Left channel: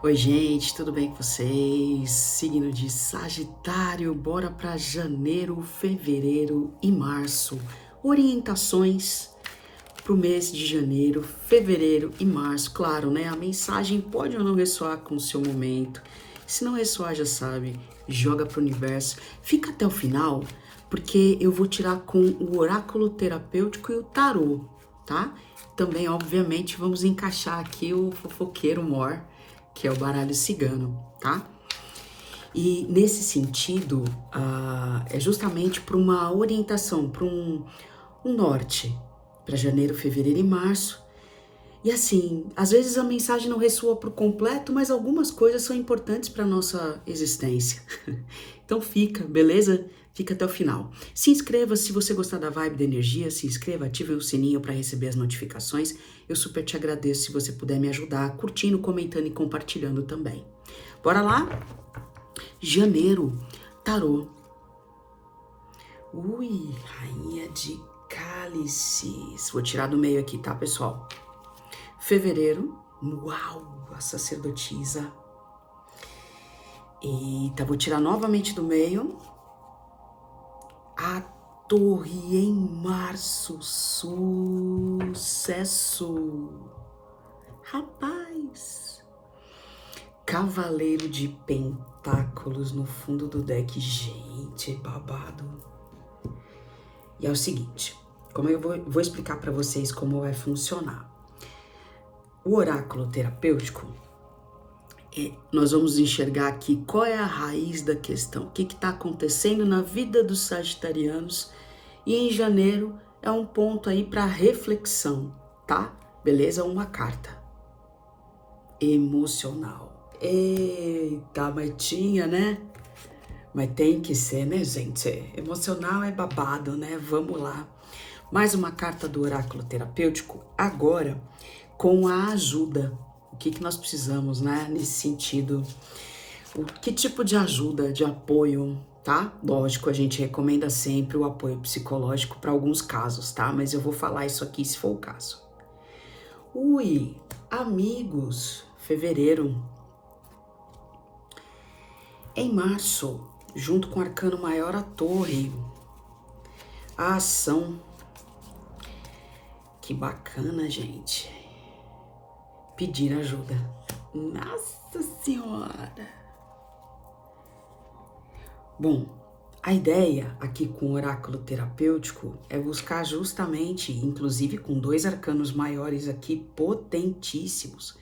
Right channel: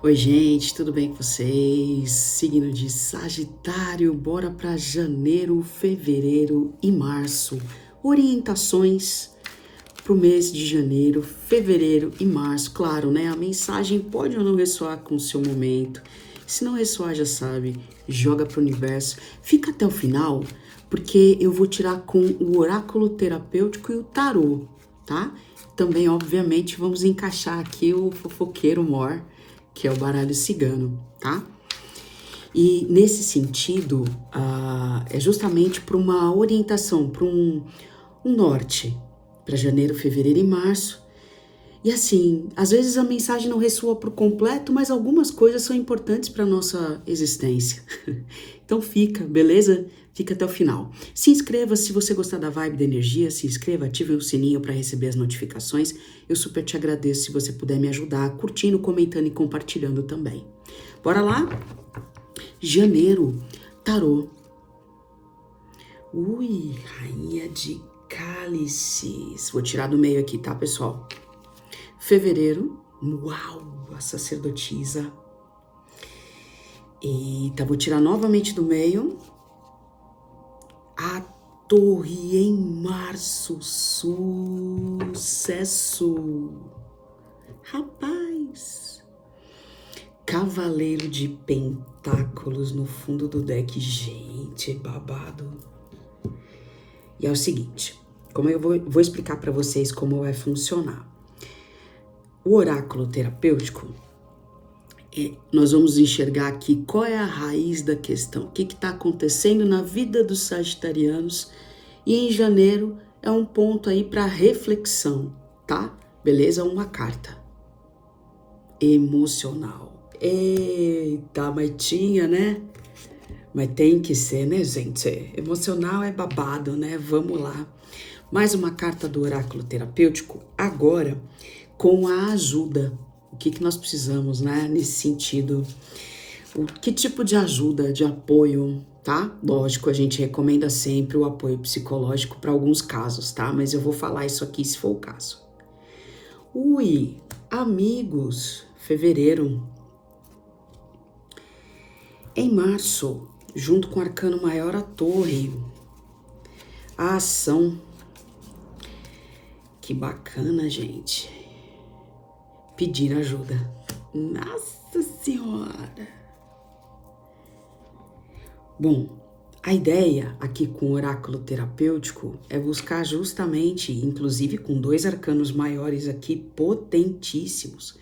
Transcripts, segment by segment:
Oi, gente, tudo bem com vocês? Signo de Sagitário, bora para janeiro, fevereiro e março. Orientações para o mês de janeiro, fevereiro e março. Claro, né? A mensagem pode ou não ressoar com o seu momento. Se não ressoar, já sabe, joga para o universo. Fica até o final, porque eu vou tirar com o oráculo terapêutico e o tarô, tá? Também, obviamente, vamos encaixar aqui o fofoqueiro mor, que é o baralho cigano, tá? E nesse sentido, é justamente para uma orientação, para um norte, para janeiro, fevereiro e março. E assim, às vezes a mensagem não ressoa por completo, mas algumas coisas são importantes para nossa existência. Então fica, beleza? Fica até o final. Se inscreva se você gostar da vibe da energia, se inscreva, ative o sininho para receber as notificações. Eu super te agradeço se você puder me ajudar curtindo, comentando e compartilhando também. Bora lá? Janeiro, tarô. Ui, rainha de cálices. Vou tirar do meio aqui, tá, pessoal? Fevereiro, uau, a sacerdotisa. Eita, vou tirar novamente do meio. A torre em março, sucesso. Rapaz. Cavaleiro de pentáculos no fundo do deck. Gente, babado. E é o seguinte, como eu vou explicar para vocês como vai funcionar. O oráculo terapêutico, nós vamos enxergar aqui qual é a raiz da questão, o que está acontecendo na vida dos sagitarianos, e em janeiro é um ponto aí para reflexão, tá? Beleza? Uma carta emocional. Eita, mas tinha, né? Mas tem que ser, né, gente? Emocional é babado, né? Vamos lá. Mais uma carta do oráculo terapêutico, agora com a ajuda. O que nós precisamos, né, nesse sentido? Que tipo de ajuda, de apoio, tá? Lógico, a gente recomenda sempre o apoio psicológico para alguns casos, tá? Mas eu vou falar isso aqui se for o caso. Ui, amigos, fevereiro. Em março, junto com o arcano maior, a torre. A ação. Que bacana, gente. Pedir ajuda. Nossa Senhora! Bom, a ideia aqui com o oráculo terapêutico é buscar justamente, inclusive com dois arcanos maiores aqui, potentíssimos,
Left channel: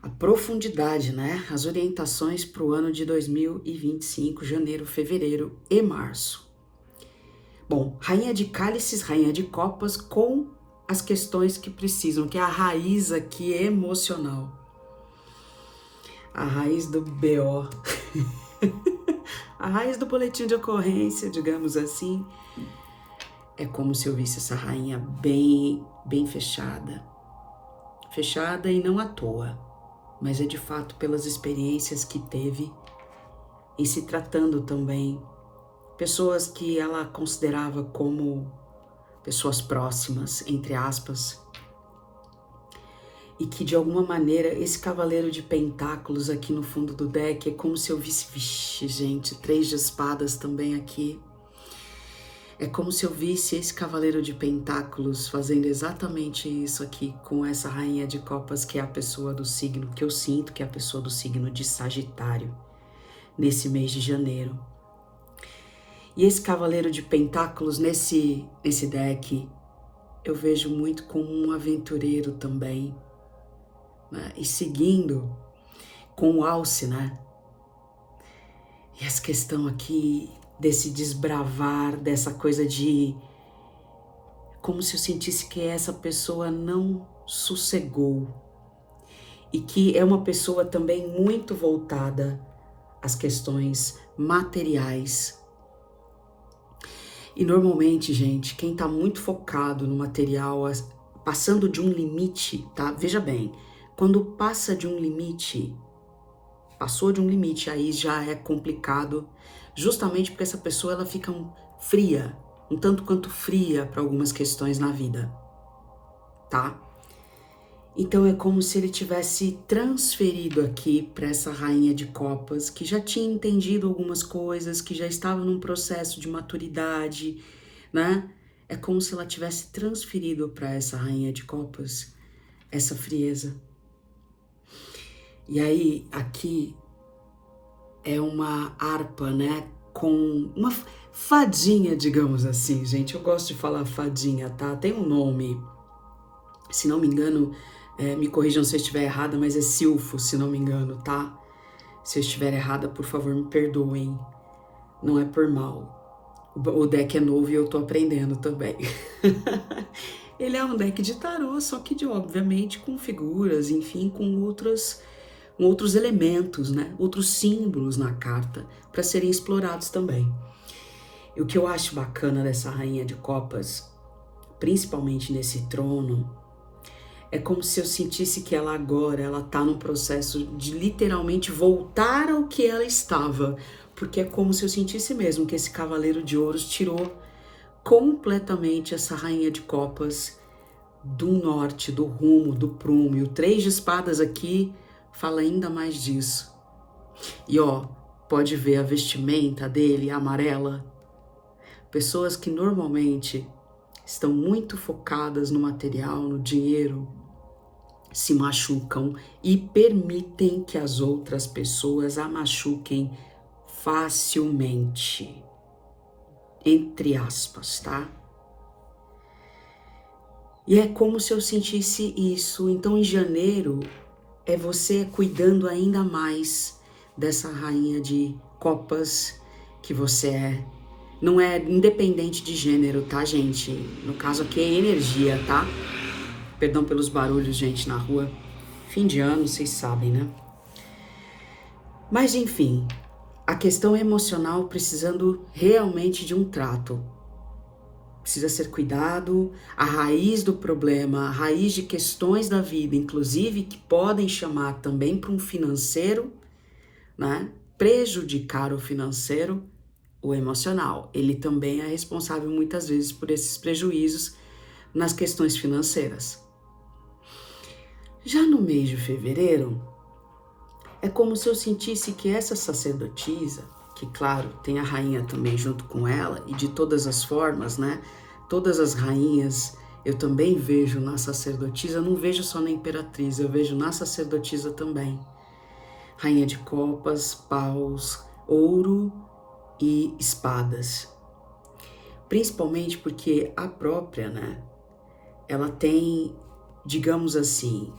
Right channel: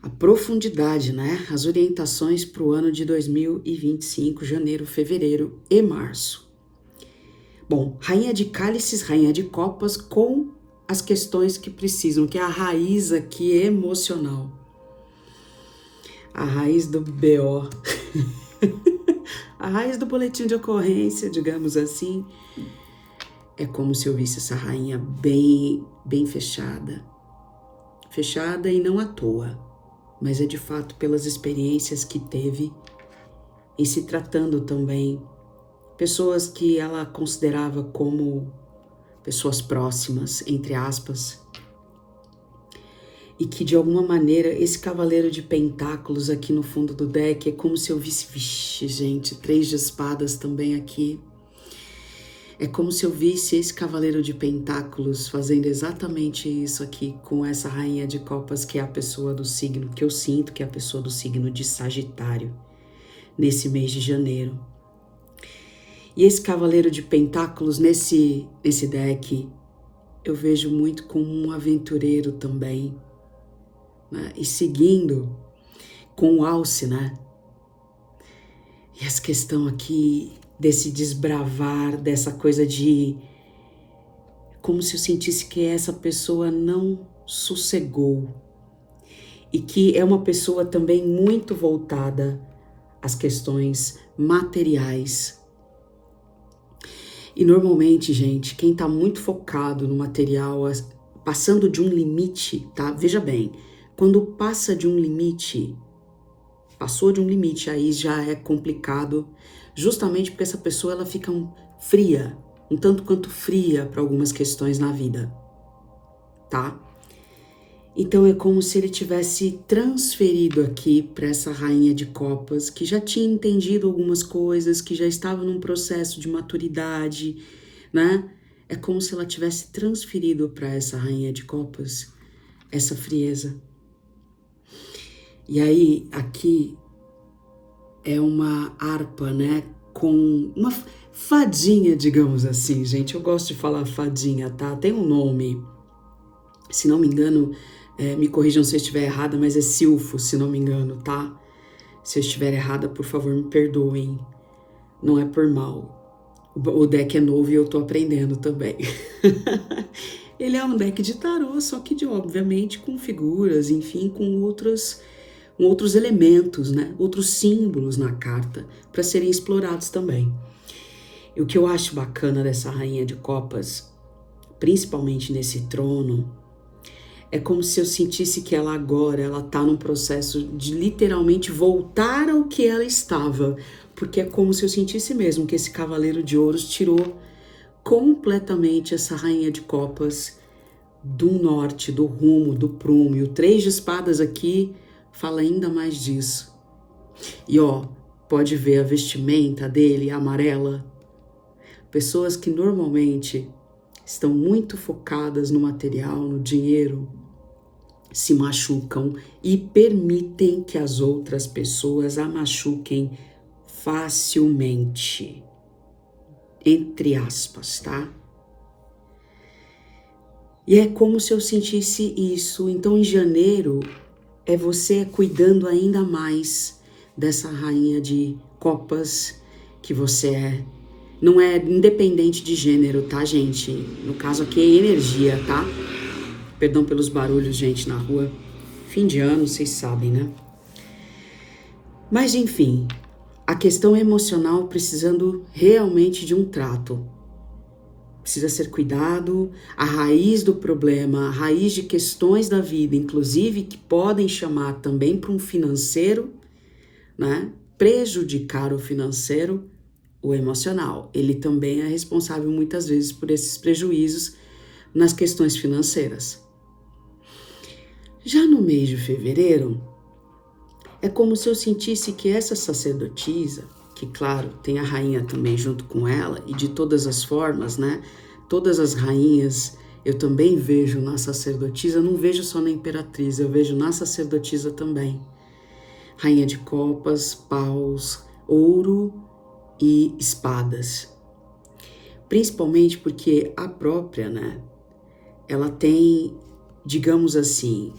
a profundidade, né? As orientações para o ano de 2025, janeiro, fevereiro e março. Bom, rainha de cálices, rainha de copas, com as questões que precisam, que é a raiz aqui emocional. A raiz do BO. A raiz do boletim de ocorrência, digamos assim, é como se eu visse essa rainha bem fechada. Fechada e não à toa, mas é de fato pelas experiências que teve em se tratando também pessoas que ela considerava como pessoas próximas, entre aspas, e que de alguma maneira esse cavaleiro de pentáculos aqui no fundo do deck é como se eu visse, vixe, gente, 3 de espadas também aqui. É como se eu visse esse cavaleiro de pentáculos fazendo exatamente isso aqui com essa rainha de copas, que é a pessoa do signo, que eu sinto que é a pessoa do signo de Sagitário, nesse mês de janeiro. E esse cavaleiro de pentáculos nesse deck, eu vejo muito como um aventureiro também, né? E seguindo com o alce, né? E essa questão aqui desse desbravar, dessa coisa de como se eu sentisse que essa pessoa não sossegou e que é uma pessoa também muito voltada às questões materiais. E normalmente, gente, quem tá muito focado no material, passando de um limite, tá? Veja bem, quando passa de um limite, passou de um limite, aí já é complicado, justamente porque essa pessoa ela fica fria, um tanto quanto fria para algumas questões na vida, tá? Então é como se ele tivesse transferido aqui para essa rainha de copas, que já tinha entendido algumas coisas, que já estava num processo de maturidade, né? É como se ela tivesse transferido para essa rainha de copas essa frieza. E aí, aqui é uma harpa, né? Com uma fadinha, digamos assim, gente. Eu gosto de falar fadinha, tá? Tem um nome, se não me engano, me corrijam se eu estiver errada, mas é silfo, se não me engano, tá? Se eu estiver errada, por favor, me perdoem. Não é por mal. O deck é novo e eu tô aprendendo também. Ele é um deck de tarô, só que obviamente com figuras, enfim, com outros elementos, né? Outros símbolos na carta para serem explorados também. E o que eu acho bacana dessa rainha de copas, principalmente nesse trono, é como se eu sentisse que ela agora, ela tá num processo de literalmente voltar ao que ela estava, porque é como se eu sentisse mesmo que esse cavaleiro de ouros tirou completamente essa rainha de copas do norte, do rumo, do prumo. E o 3 de espadas aqui fala ainda mais disso. E ó, pode ver a vestimenta dele amarela. Pessoas que normalmente estão muito focadas no material, no dinheiro, se machucam e permitem que as outras pessoas a machuquem facilmente. Entre aspas, tá? E é como se eu sentisse isso. Então, em janeiro, é você cuidando ainda mais dessa rainha de copas que você é. Não é independente de gênero, tá, gente? No caso aqui é energia, tá? Perdão pelos barulhos, gente, na rua. Fim de ano, vocês sabem, né? Mas, enfim, a questão emocional precisando realmente de um trato. Precisa ser cuidado, a raiz do problema, a raiz de questões da vida, inclusive que podem chamar também para um financeiro, né? Prejudicar o financeiro, o emocional. Ele também é responsável muitas vezes por esses prejuízos nas questões financeiras. Já no mês de fevereiro, é como se eu sentisse que essa sacerdotisa, que claro, tem a rainha também junto com ela, e de todas as formas, né? Todas as rainhas eu também vejo na sacerdotisa, eu não vejo só na imperatriz, eu vejo na sacerdotisa também. Rainha de copas, paus, ouro e espadas. Principalmente porque a própria, né? Ela tem, digamos assim,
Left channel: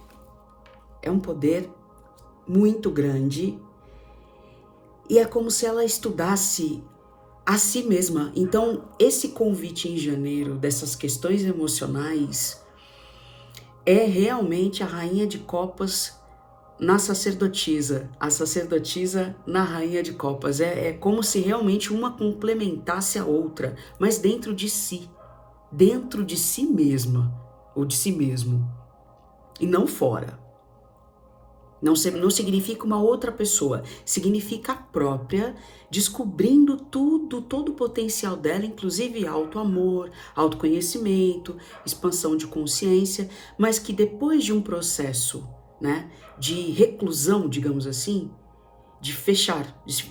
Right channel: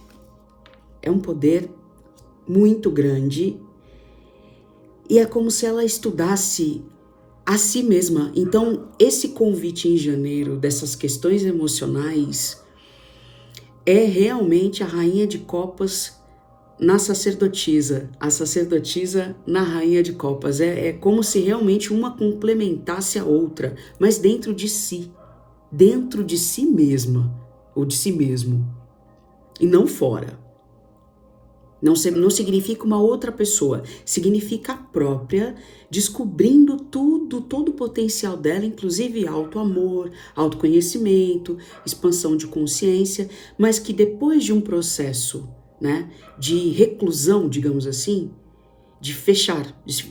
é um poder muito grande e é como se ela estudasse a si mesma. Então, esse convite em janeiro dessas questões emocionais é realmente a rainha de copas na sacerdotisa, a sacerdotisa na rainha de copas. É como se realmente uma complementasse a outra, mas dentro de si mesma, ou de si mesmo, e não fora. Não significa uma outra pessoa, significa a própria, descobrindo todo o potencial dela, inclusive auto-amor, autoconhecimento, expansão de consciência, mas que depois de um processo, né, de reclusão, digamos assim, de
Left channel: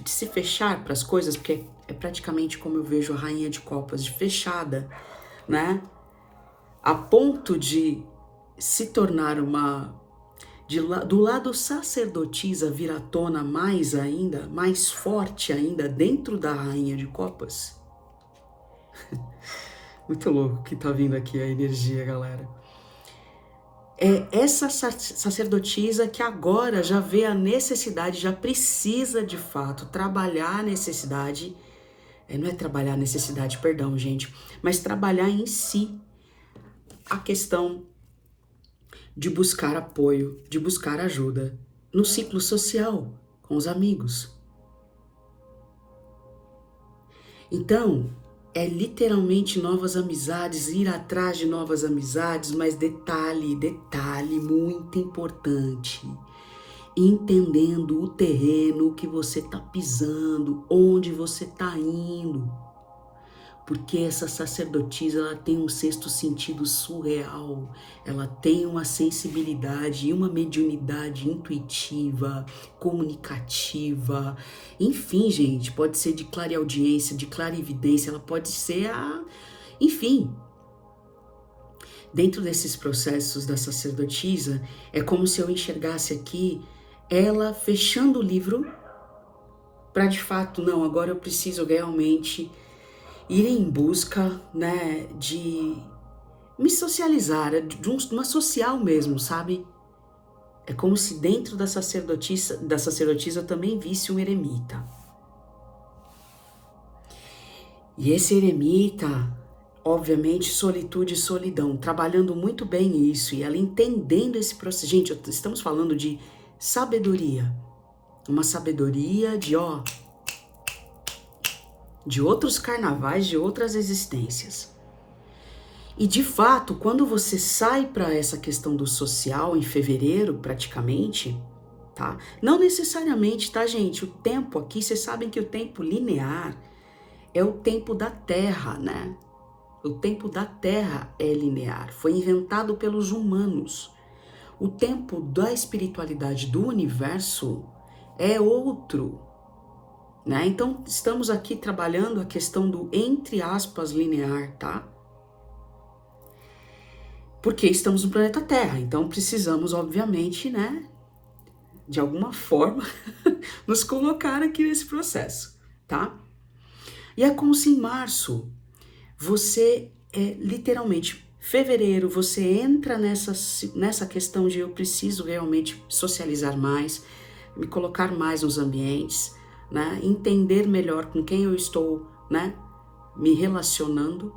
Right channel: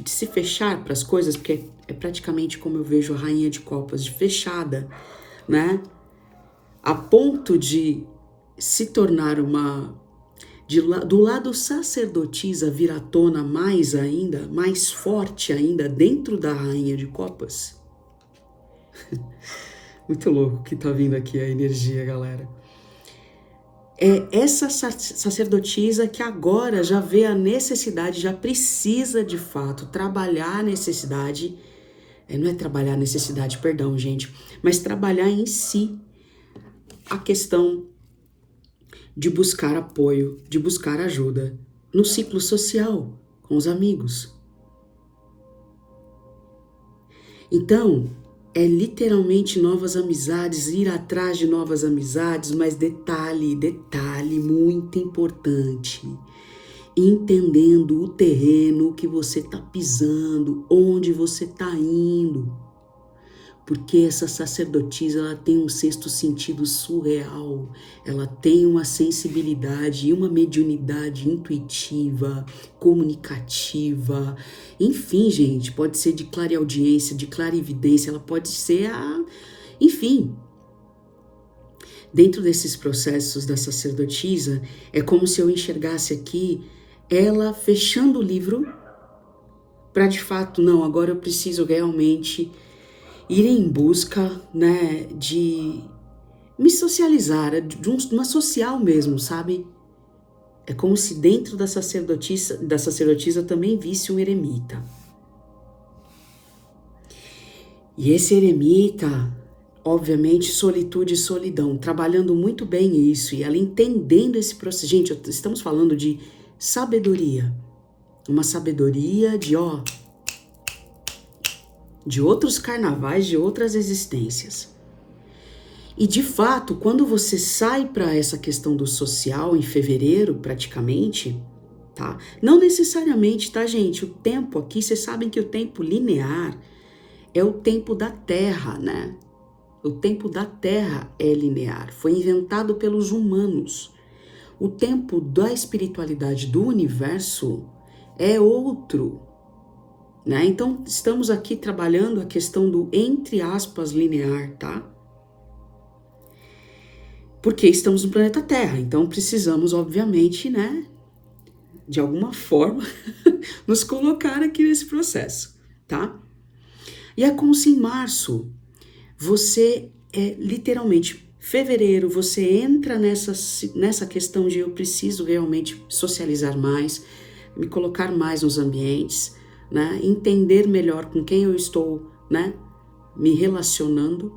se fechar para as coisas, porque é praticamente como eu vejo a rainha de copas, de fechada, né, a ponto de se tornar do lado sacerdotisa vir à tona mais ainda, mais forte ainda, dentro da rainha de copas. Muito louco que tá vindo aqui a energia, galera. É essa sacerdotisa que agora já vê a necessidade, já precisa de fato trabalhar a necessidade, não é trabalhar a necessidade, perdão, gente, mas trabalhar em si a questão de buscar apoio, de buscar ajuda no ciclo social, com os amigos. Então, é literalmente novas amizades, ir atrás de novas amizades, mas detalhe muito importante, entendendo o terreno que você está pisando, onde você está indo. porque essa sacerdotisa, ela tem um sexto sentido surreal, ela tem uma sensibilidade e uma mediunidade intuitiva, comunicativa, enfim, gente, pode ser de clareaudiência, de clarividência, ela pode ser enfim. Dentro desses processos da sacerdotisa, é como se eu enxergasse aqui ela fechando o livro para de fato, não, agora eu preciso realmente ir em busca, né, de me socializar, de uma social mesmo, sabe? É como se dentro da sacerdotisa eu também visse um eremita. E esse eremita, obviamente, solitude e solidão, trabalhando muito bem isso, e ela entendendo esse processo. Gente, estamos falando de sabedoria, uma sabedoria de outros carnavais, de outras existências. E de fato, quando você sai para essa questão do social em fevereiro, praticamente, tá? Não necessariamente, tá, gente? O tempo aqui, vocês sabem que o tempo linear é o tempo da Terra, né? O tempo da Terra é linear, foi inventado pelos humanos. O tempo da espiritualidade do universo é outro, né? Então, estamos aqui trabalhando a questão do, entre aspas, linear, tá? Porque estamos no planeta Terra, então precisamos, obviamente, né, de alguma forma, nos colocar aqui nesse processo, tá? E é como se em março, você literalmente, fevereiro, você entra nessa questão de eu preciso realmente socializar mais, me colocar mais nos ambientes, né, entender melhor com quem eu estou, né, me relacionando.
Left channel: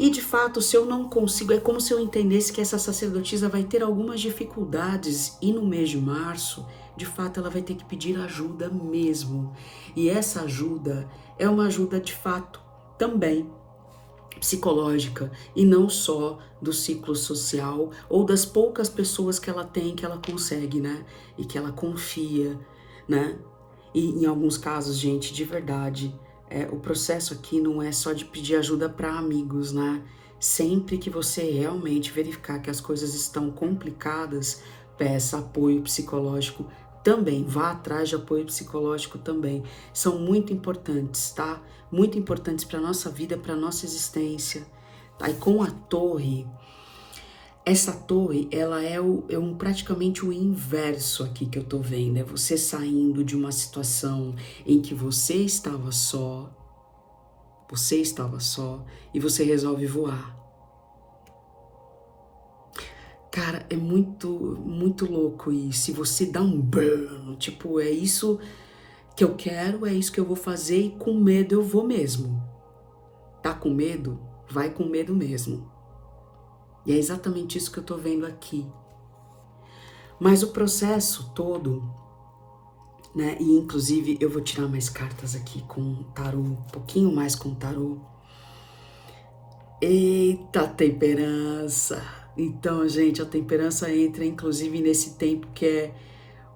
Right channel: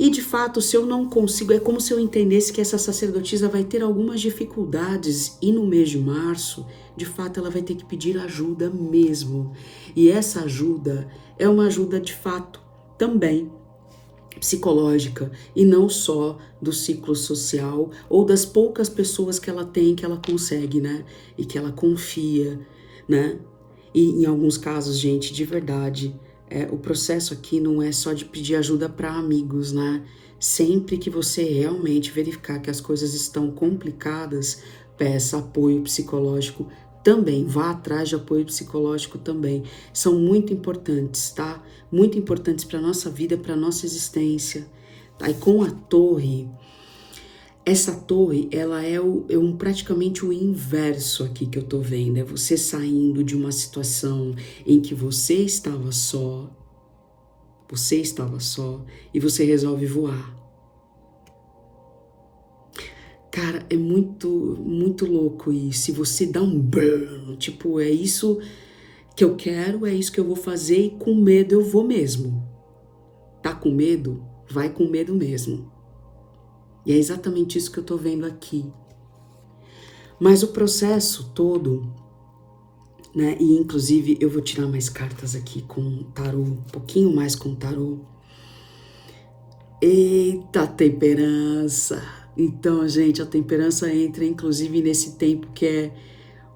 E de fato, se eu não consigo, é como se eu entendesse que essa sacerdotisa vai ter algumas dificuldades e no mês de março, de fato, ela vai ter que pedir ajuda mesmo. E essa ajuda é uma ajuda de fato também psicológica e não só do ciclo social ou das poucas pessoas que ela tem, que ela consegue, né? E que ela confia, né? E em alguns casos, gente, de verdade, o processo aqui não é só de pedir ajuda para amigos, né? Sempre que você realmente verificar que as coisas estão complicadas, peça apoio psicológico também, vá atrás de apoio psicológico também. São muito importantes, tá? Muito importantes para a nossa vida, para a nossa existência. Tá? E com a torre, essa torre, ela é praticamente o inverso aqui que eu tô vendo. É você saindo de uma situação em que você estava só e você resolve voar. Cara, é muito, muito louco isso. Se você dá um burn, tipo, é isso que eu quero, é isso que eu vou fazer e com medo eu vou mesmo. Tá com medo? Vai com medo mesmo. E é exatamente isso que eu tô vendo aqui. Mas o processo todo, né? E inclusive eu vou tirar mais cartas aqui com tarô, um pouquinho mais com tarô. Eita, temperança! Então, gente, a temperança entra inclusive nesse tempo que é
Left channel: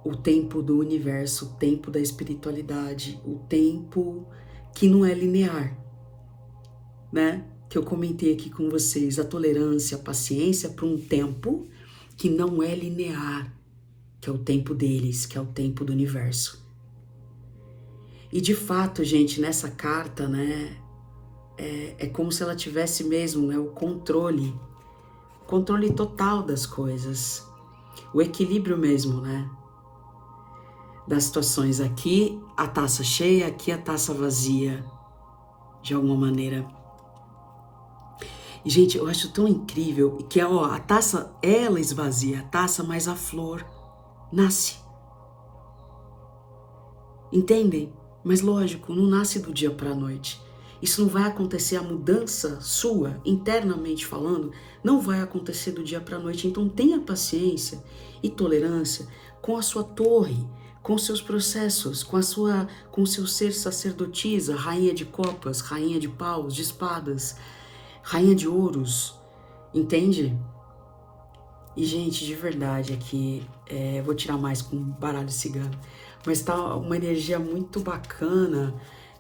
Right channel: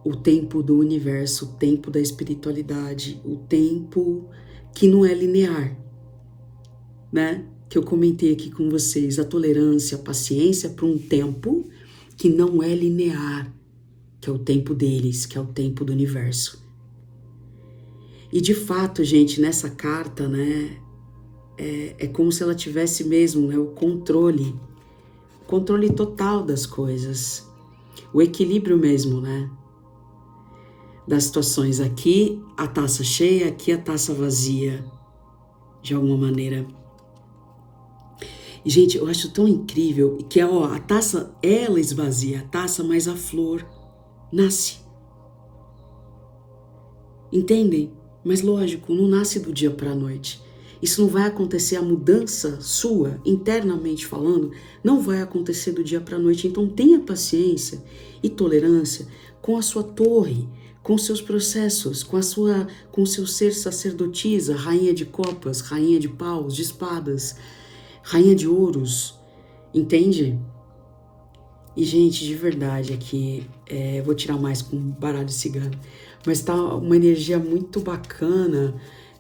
o tempo do universo, o tempo da espiritualidade, o tempo que não é linear, né? Que eu comentei aqui com vocês, a tolerância, a paciência para um tempo que não é linear, que é o tempo deles, que é o tempo do universo. E de fato, gente, nessa carta, né, é como se ela tivesse mesmo, né, o controle total das coisas, o equilíbrio mesmo, né, das situações. Aqui a taça cheia, aqui a taça vazia, de alguma maneira. E, gente, eu acho tão incrível que a taça, ela esvazia a taça, mas a flor nasce. Entendem? Mas lógico, não nasce do dia para a noite. Isso não vai acontecer, a mudança sua, internamente falando, não vai acontecer do dia para a noite. Então tenha paciência e tolerância com a sua torre, com seus processos, com o seu ser sacerdotisa, rainha de copas, rainha de paus, de espadas, rainha de ouros, entende? E, gente, de verdade aqui, vou tirar mais com baralho cigano, mas tá uma energia muito bacana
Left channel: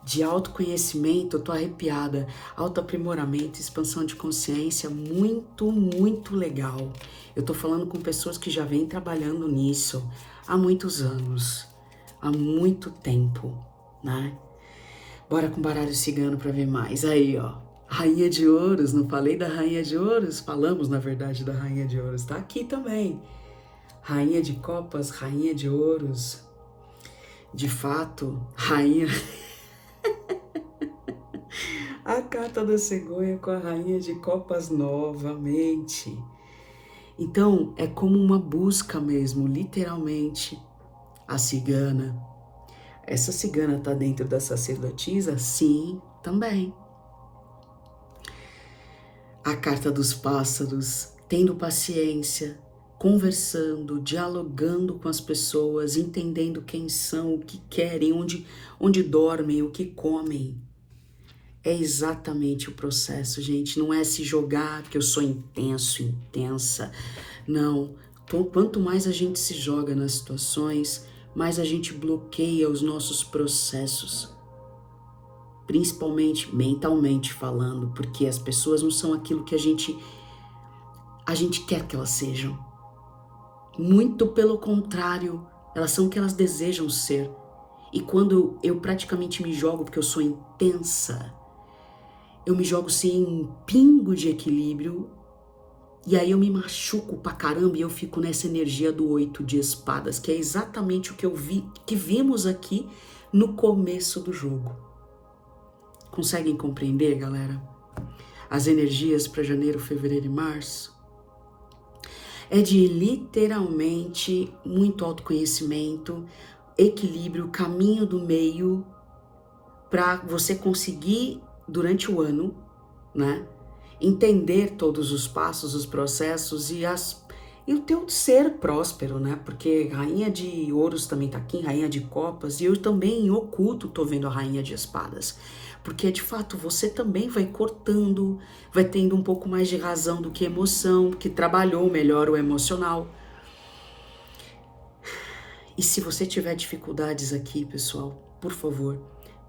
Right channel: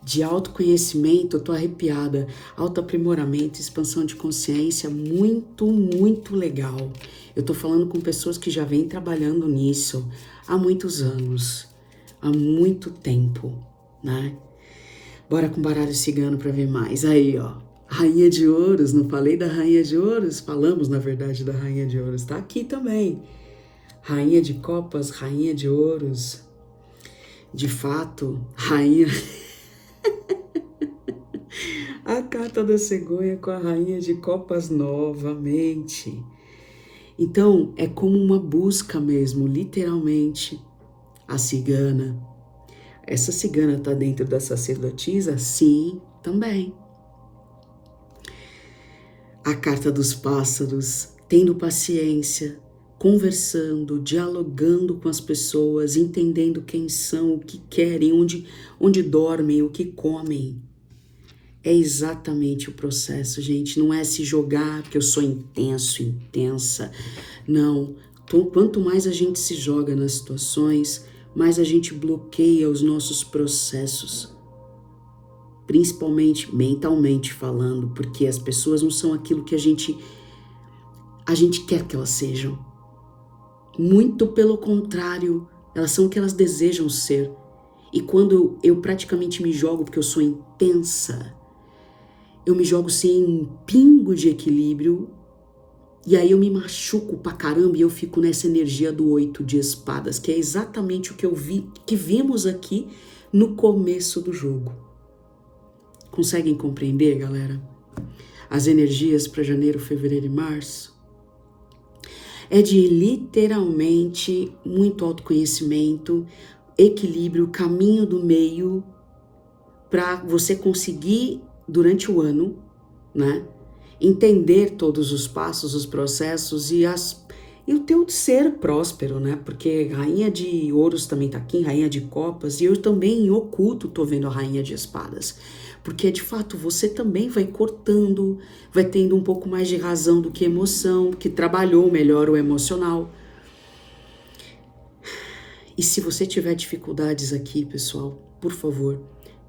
de autoconhecimento, eu tô arrepiada, autoaprimoramento, expansão de consciência, muito, muito legal. Eu tô falando com pessoas que já vêm trabalhando nisso há muitos anos, há muito tempo, né? Bora com baralho cigano para ver mais. Aí, ó, Rainha de Ouros, não falei da Rainha de Ouros? Falamos, na verdade, da Rainha de Ouros, tá aqui também. Rainha de Copas, Rainha de Ouros. De fato, Rainha... A carta da cegonha com a Rainha de Copas novamente. Então, é como uma busca mesmo, literalmente, a cigana. Essa cigana está dentro da sacerdotisa? Sim, também. A carta dos pássaros, tendo paciência, conversando, dialogando com as pessoas, entendendo quem são, o que querem, onde dormem, o que comem. É exatamente o processo, gente. Não é se jogar, que eu sou intenso, intensa. Não. Quanto mais a gente se joga nas situações, mais a gente bloqueia os nossos processos. Principalmente mentalmente falando, porque as pessoas não são aquilo que a gente quer que elas sejam. Muito pelo contrário, elas são o que elas desejam ser. E quando eu praticamente me jogo porque eu sou intensa, eu me jogo sem um pingo de equilíbrio, e aí eu me machuco pra caramba e eu fico nessa energia do 8 de espadas, que é exatamente o que vimos aqui no começo do jogo. Conseguem compreender, galera? As energias para janeiro, fevereiro e março é de literalmente muito autoconhecimento, equilíbrio, caminho do meio para você conseguir durante o ano, né, entender todos os passos, os processos e o teu ser próspero, né? Porque Rainha de Ouros também tá aqui, Rainha de Copas, e eu também em oculto tô vendo a Rainha de Espadas. Porque de fato você também vai cortando, vai tendo um pouco mais de razão do que emoção, que trabalhou melhor o emocional. E se você tiver dificuldades aqui, pessoal, por favor,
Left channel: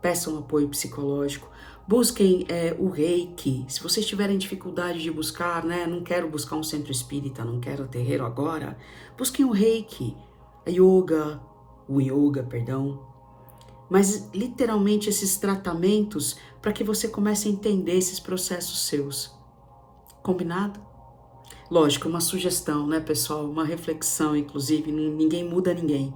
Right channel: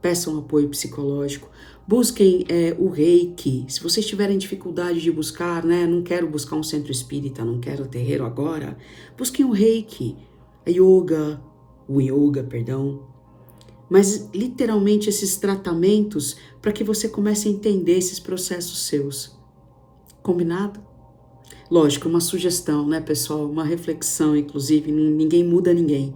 peçam apoio psicológico. Busquem o Reiki. Se vocês tiverem dificuldade de buscar, né? Não quero buscar um centro espírita, não quero terreiro agora. Busquem o Reiki, o yoga, perdão. Mas literalmente esses tratamentos para que você comece a entender esses processos seus. Combinado? Lógico, uma sugestão, né, pessoal? Uma reflexão, inclusive, ninguém muda ninguém.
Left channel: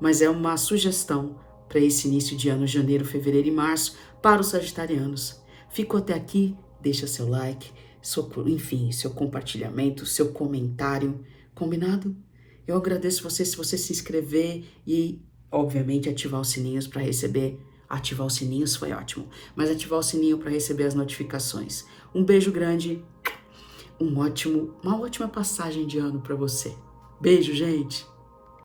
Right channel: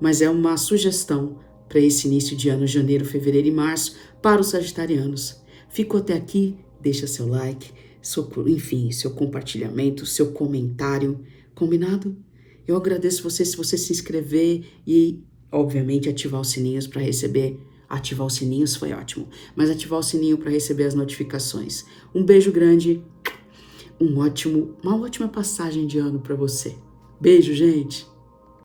Mas é uma sugestão para esse início de ano, janeiro, fevereiro e março, para os sagitarianos. Fico até aqui, deixa seu like, seu compartilhamento, seu comentário, combinado? Eu agradeço você se você se inscrever e, obviamente, ativar os sininhos para receber. Ativar os sininhos foi ótimo, mas ativar o sininho para receber as notificações. Um beijo grande, uma ótima passagem de ano para você. Beijo, gente!